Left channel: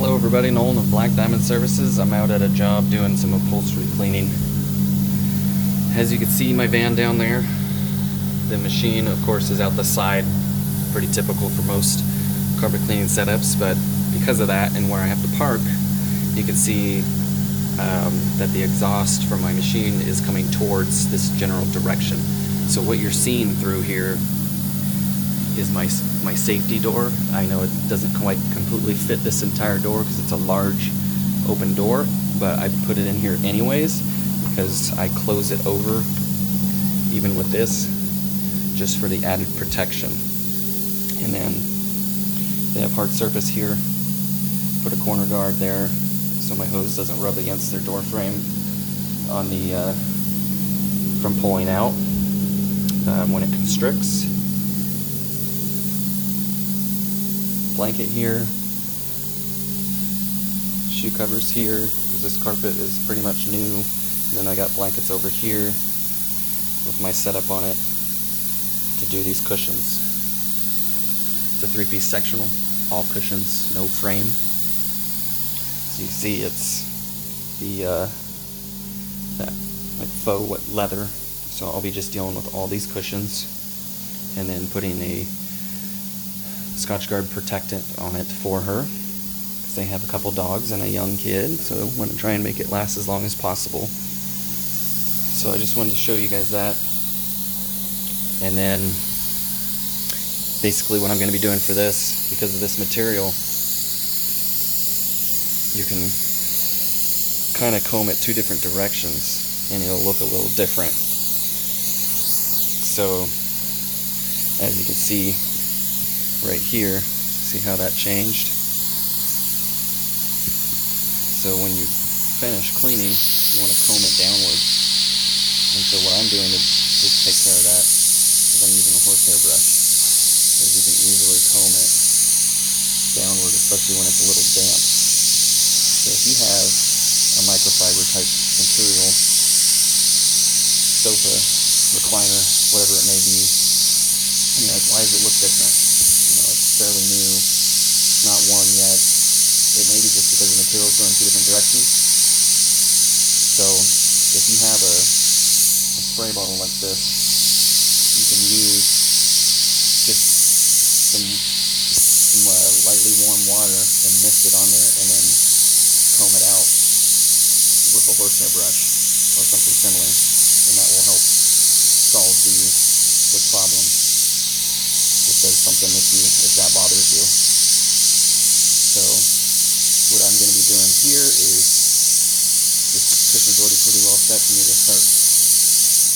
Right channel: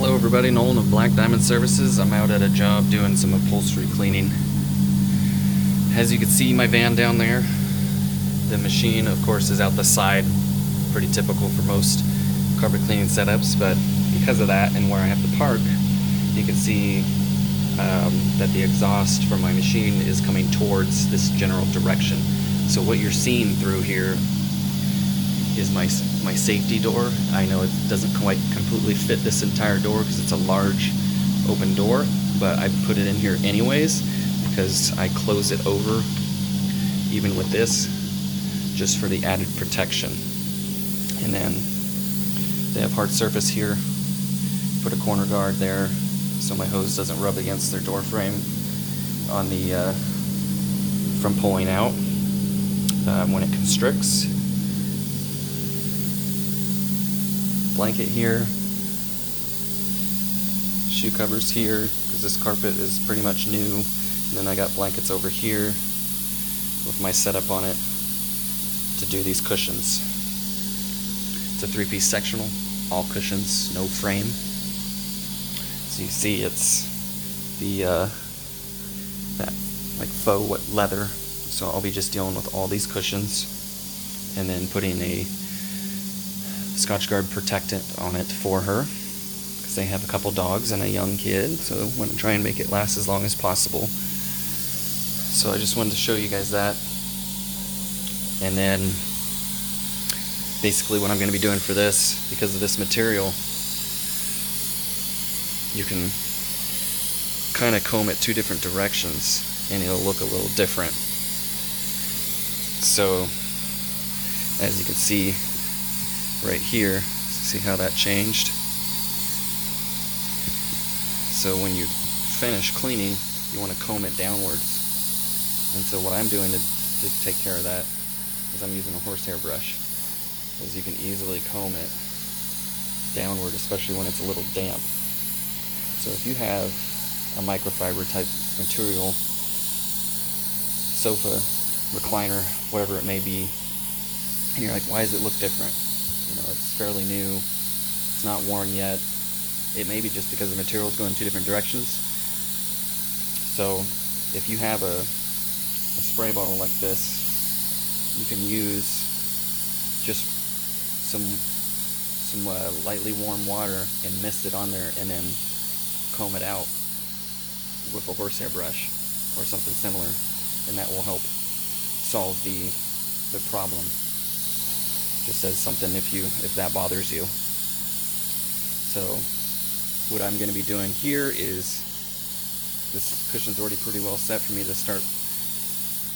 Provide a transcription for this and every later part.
Hello everybody, Nolan of Black Diamond Services. I'm out at a job doing some upholstery cleaning. As you can see my van down there, the machine of course is out the side, pretty typical for most carpet cleaning setups, but because of that and where I have to park, you can see that the exhaust from my machine is coming towards this general direction. So what you're seeing through here is my safety door. I know it doesn't quite completely fit this entire door because it's a large open door, but I put it in here anyways because I close it over even with this just for the added protection. And then they have hard surface here, put a corner guard there so my hose doesn't rub against their door frame on the from pulling out when it constricts. Blanket here, shoe covers here because this carpet is pretty much new, and then I got blankets over here with my setup on it to do these cushions. It's a 3-piece sectional, all cushions, no frame. So you see it's the that like faux leather, so I'll be just dealing with all these cushions and then putting a Scotch-Guard protectant on it for her because they have a couple dogs and a young kid, so I want to try and make it last as long as possible. So I just wanted to show you guys that. And then basically what I'm going to be doing for this, because of this material, you can kind of comb it 2 different directions and it'll look a little different. So as you can see right here, see how that changed? So when you finish cleaning, you want to comb it downward. And so what I'm doing to take care of that is I'm using a horsehair brush, because you can easily comb it downward, especially when it's a little damp. So if you have a microfiber type material, sofa, recliner, whatever it may be, and you're like, why does it look different? It's fairly new, not worn yet. It may be just because the material's going 2 different directions. So if you have a spray bottle like this, you can use just some lightly warm water and mist it on there and then comb it out with a horsehair brush or something similar, and that will help solve the problem. It does something if that bothers you. So what I'm going to be doing here is, this cushion's already pretty well set for me to start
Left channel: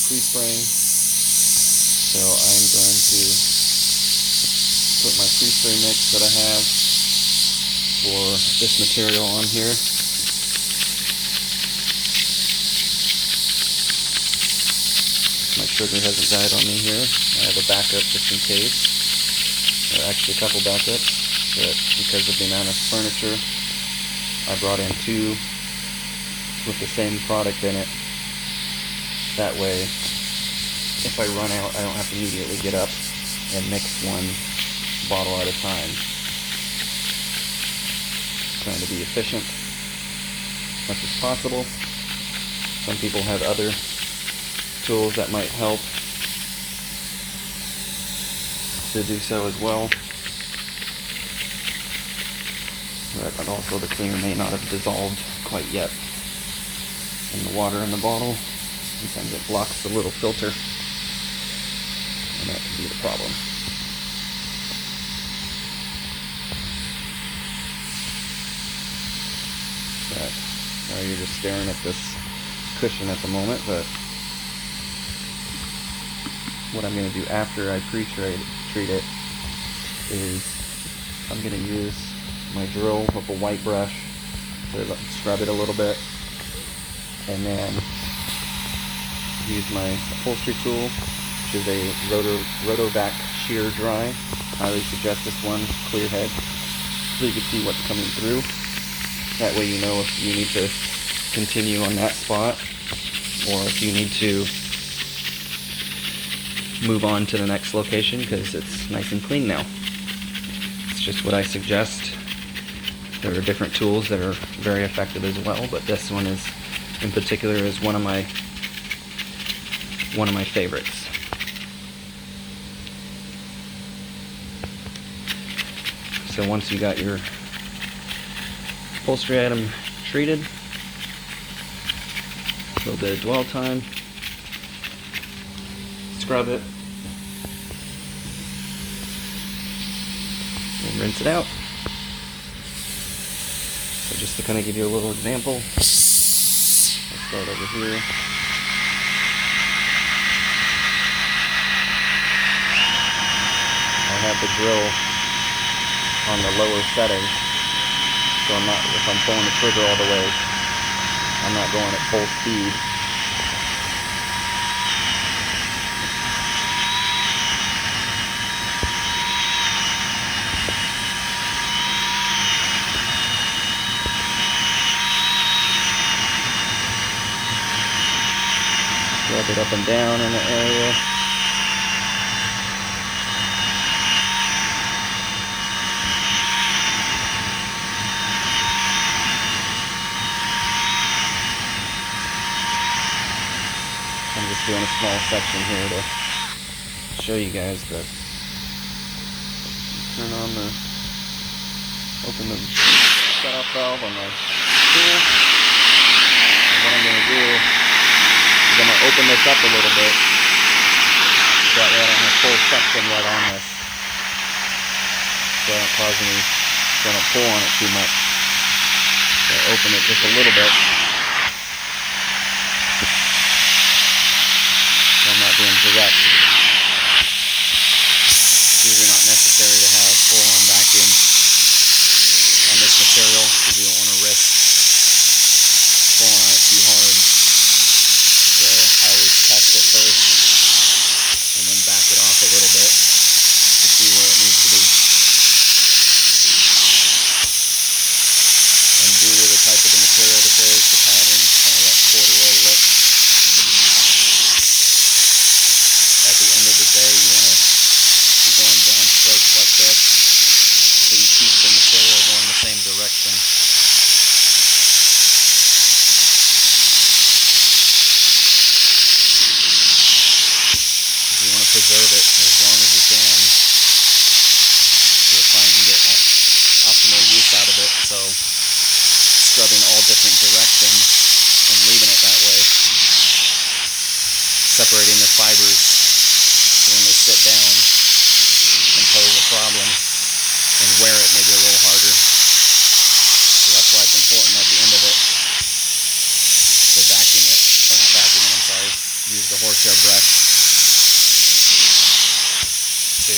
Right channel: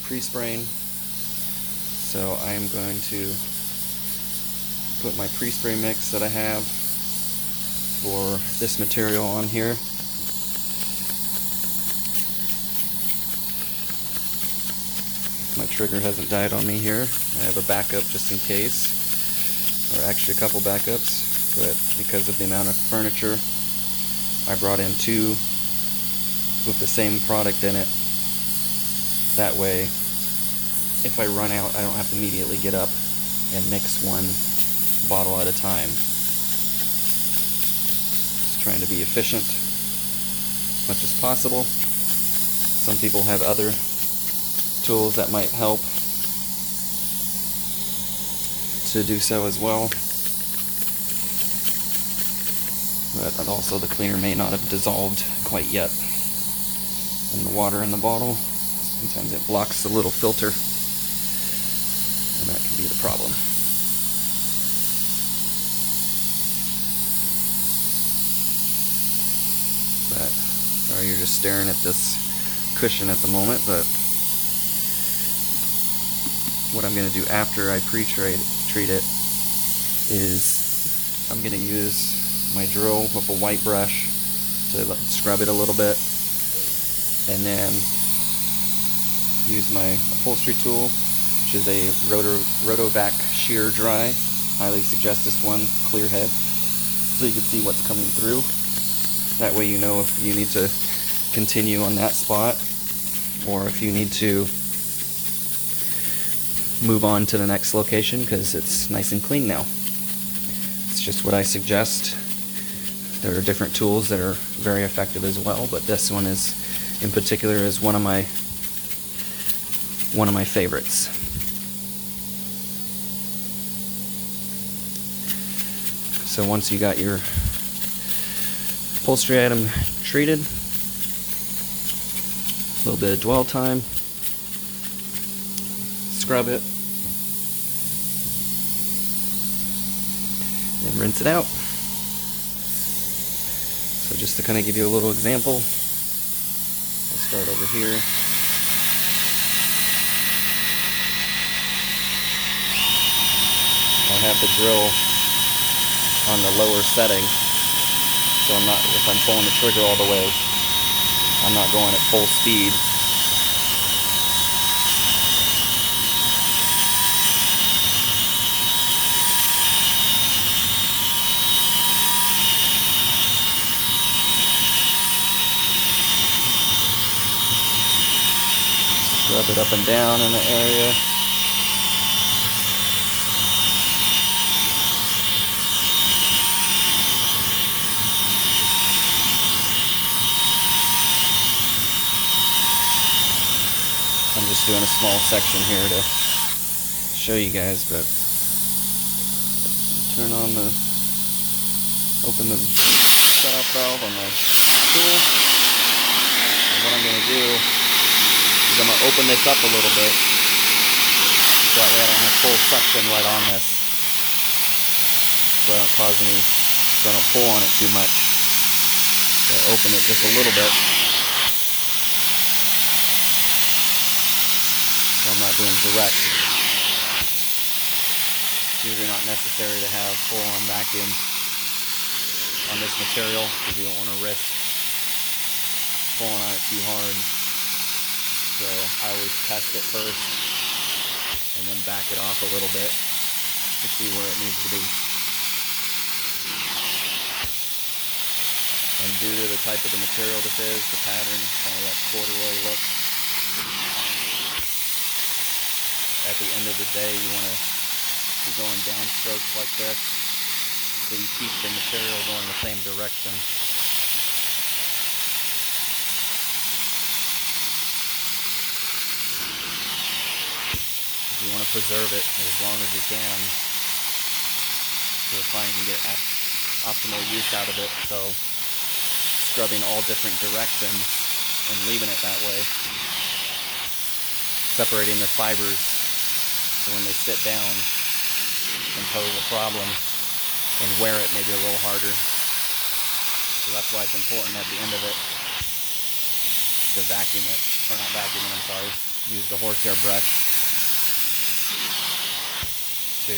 pre-spraying. So I'm going to put my pre-spray mix that I have for this material on here. My trigger hasn't died on me here. I have a backup just in case. Or actually a couple backups, but because of the amount of furniture, I brought in 2 with the same product in it. That way, if I run out, I don't have to immediately get up and mix one bottle at a time. Just trying to be efficient as much as possible. Some people have other tools that might help to do so as well, but also the cleaner may not have dissolved quite yet in the water in the bottle. Sometimes it blocks the little filter, and that can be the problem. But sorry, you're just staring at this cushion at the moment, but what I'm going to do after I treat it is I'm going to use my drill with a white brush to scrub it a little bit, and then use my upholstery tool, which is a Rotovac shear dry. Highly suggest this one, clear head, so you can see what's coming through. That way you know if you need to continue on that spot or if you need to move on to the next location because it's nice and clean now. It's just what I suggest There are different tools that are very effective as well, but this one is, in particular, is one of my favorites. So once you got your upholstery item treated, a little bit of dwell time, scrub it, and rinse it out. So just to kind of give you a little example, I'll start over here. I have the drill on the lower setting, so if I'm pulling the trigger all the way, I'm not going at full speed. Rub it up and down in the area. I'm just doing a small section here to show you guys, but turn on open the setup valve on the tool. And what I'm going to do is I'm going to open this up a little bit so that way I don't have full suction right on this, so I don't pull on it too much. So I open it just a little bit. I'm not being direct. It's usually not necessary to have full-on vacuum on this material because you don't want to risk pulling on it too hard. So I always test it first and then back it off a little bit to see where it needs to be. And due to the type of the material this is, the pattern, kind of that corduroy look, at the end of the day, you want to be going down strokes like this so you keep the material going the same direction. You want to preserve it as long as you can so your client can get optimal use out of it. So scrubbing all different directions and leaving it that way, separating the fibers so when they sit down and pose a problem and wear it maybe a little harder. So that's why it's important at the end of it to vacuum it, or not vacuum it, I'm sorry, use the horsehair brush to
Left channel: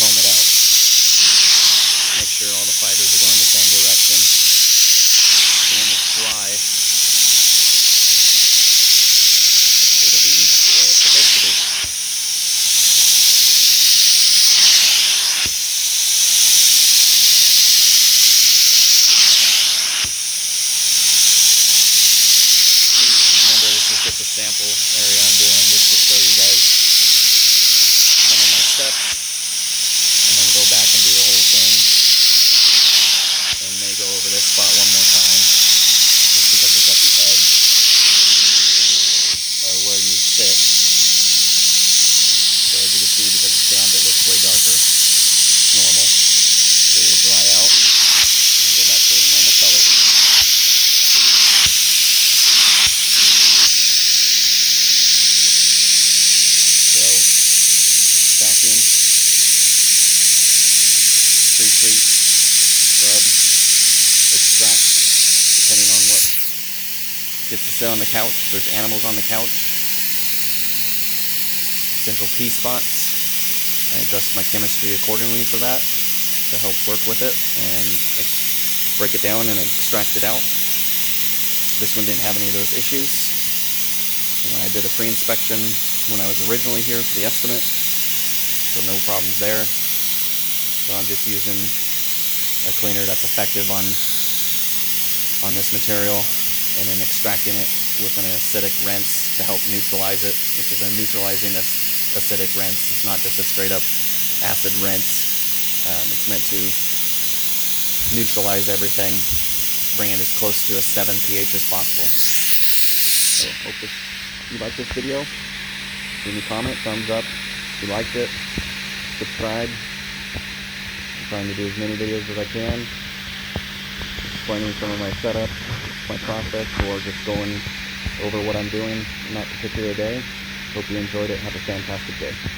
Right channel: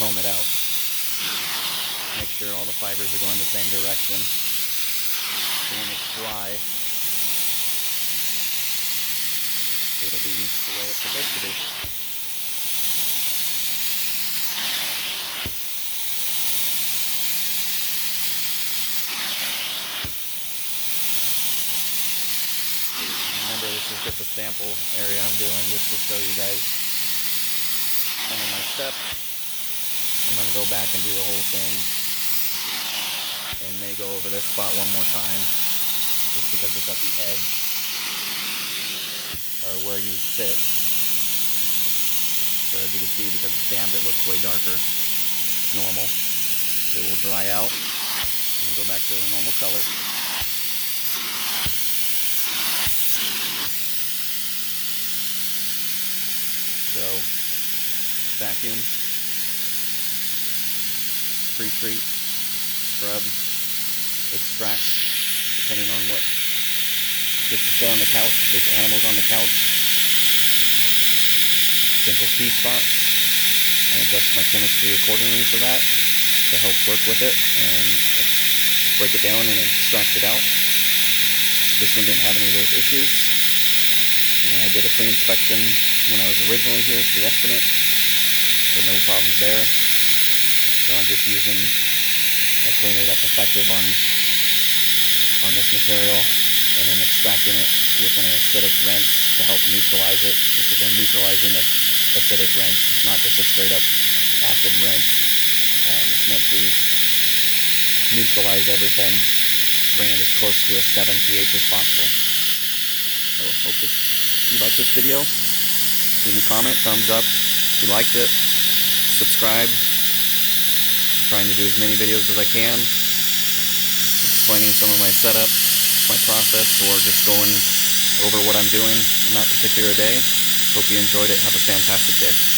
comb it out. Make sure all the fibers are going the same direction. So when it's dry, it'll be the way it's supposed to be. Remember, this is just a sample area I'm doing just to show you guys some of my steps. I'm going to go back and do the whole thing and may go over this spot one more time just because it's at the edge or where you sit. So as you can see, because it's damp, it looks way darker. Normal. It will dry out and go back to the normal color. So vacuum, pre-treat, scrub, extract, depending on what gets to sit on the couch. If there's animals on the couch, potential pea spots, I adjust my chemistry accordingly for that to help work with it and break it down and extract it out. This one didn't have any of those issues. And when I did a pre-inspection when I was originally here for the estimate, so no problems there. So I'm just using a cleaner that's effective on this material and then extracting it with an acidic rinse to help neutralize it. This is a neutralizing acidic rinse. It's not just a straight up acid rinse. It's meant to neutralize everything, bring it as close to a 7 pH as possible. So hope you like this video. Leave me a comment, thumbs up if you liked it. Subscribe. I'm trying to do as many videos as I can, explaining some of my setup, my process, or just going over what I'm doing in that particular day. Hope you enjoyed it. Have a fantastic day.